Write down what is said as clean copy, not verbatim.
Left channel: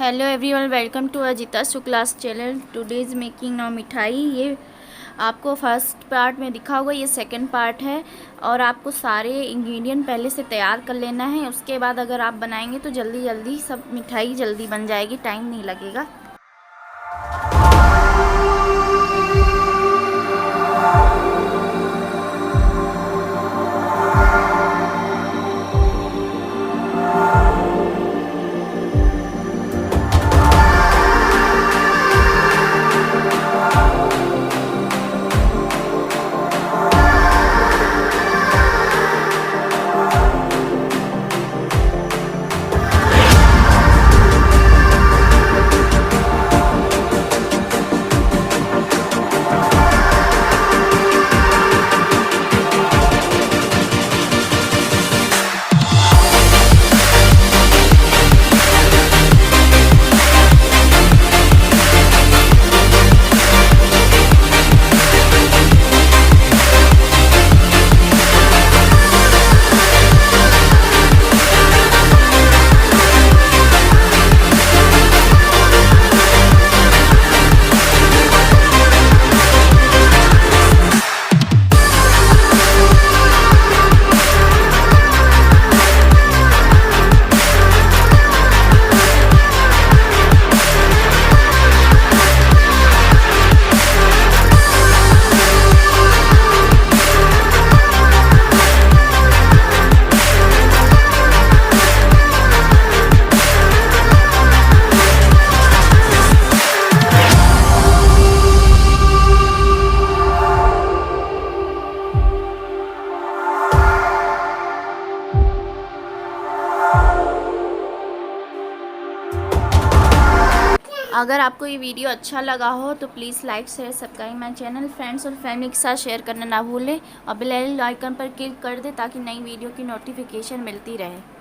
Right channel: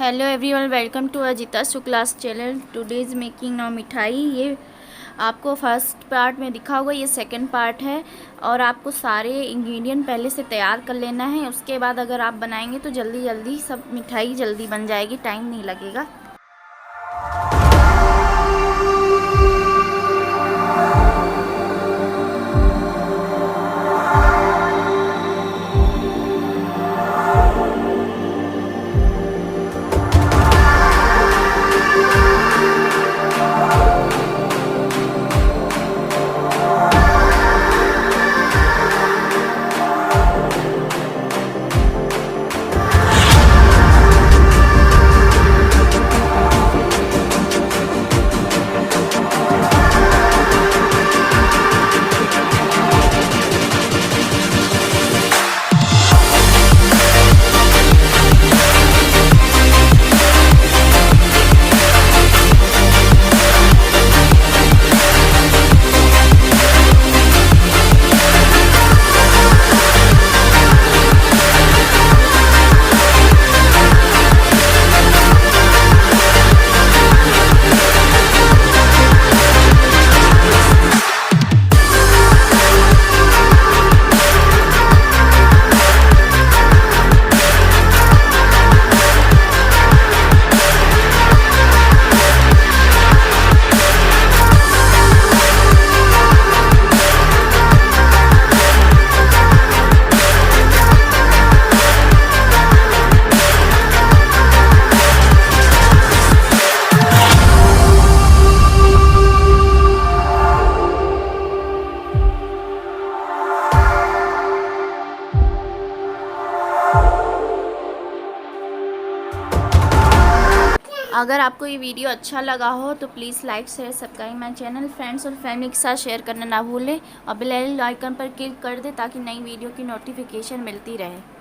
Hello everyone, welcome to Ajita class channel. Today is making now मिठाई। ये आपको first part में दिखा होगा, ये सेकंड पार्ट है। और आपको सारे इंग्रेडिएंट पहले से तैयार कर लेना है। उसके बाद अगर आप बनाएंगे तो जल्दी जल्दी सब मिठाई जल्दी बन जाएगी, टाइम नहीं लगेगा। अगर आपको ये वीडियो अच्छा लगा हो तो please like share subscribe my channel. Friends और फैमिली के साथ शेयर करना ना भूलें और बेल आइकन पर क्लिक कर दें ताकि नई वीडियो की नोटिफिकेशन मिलती रहे।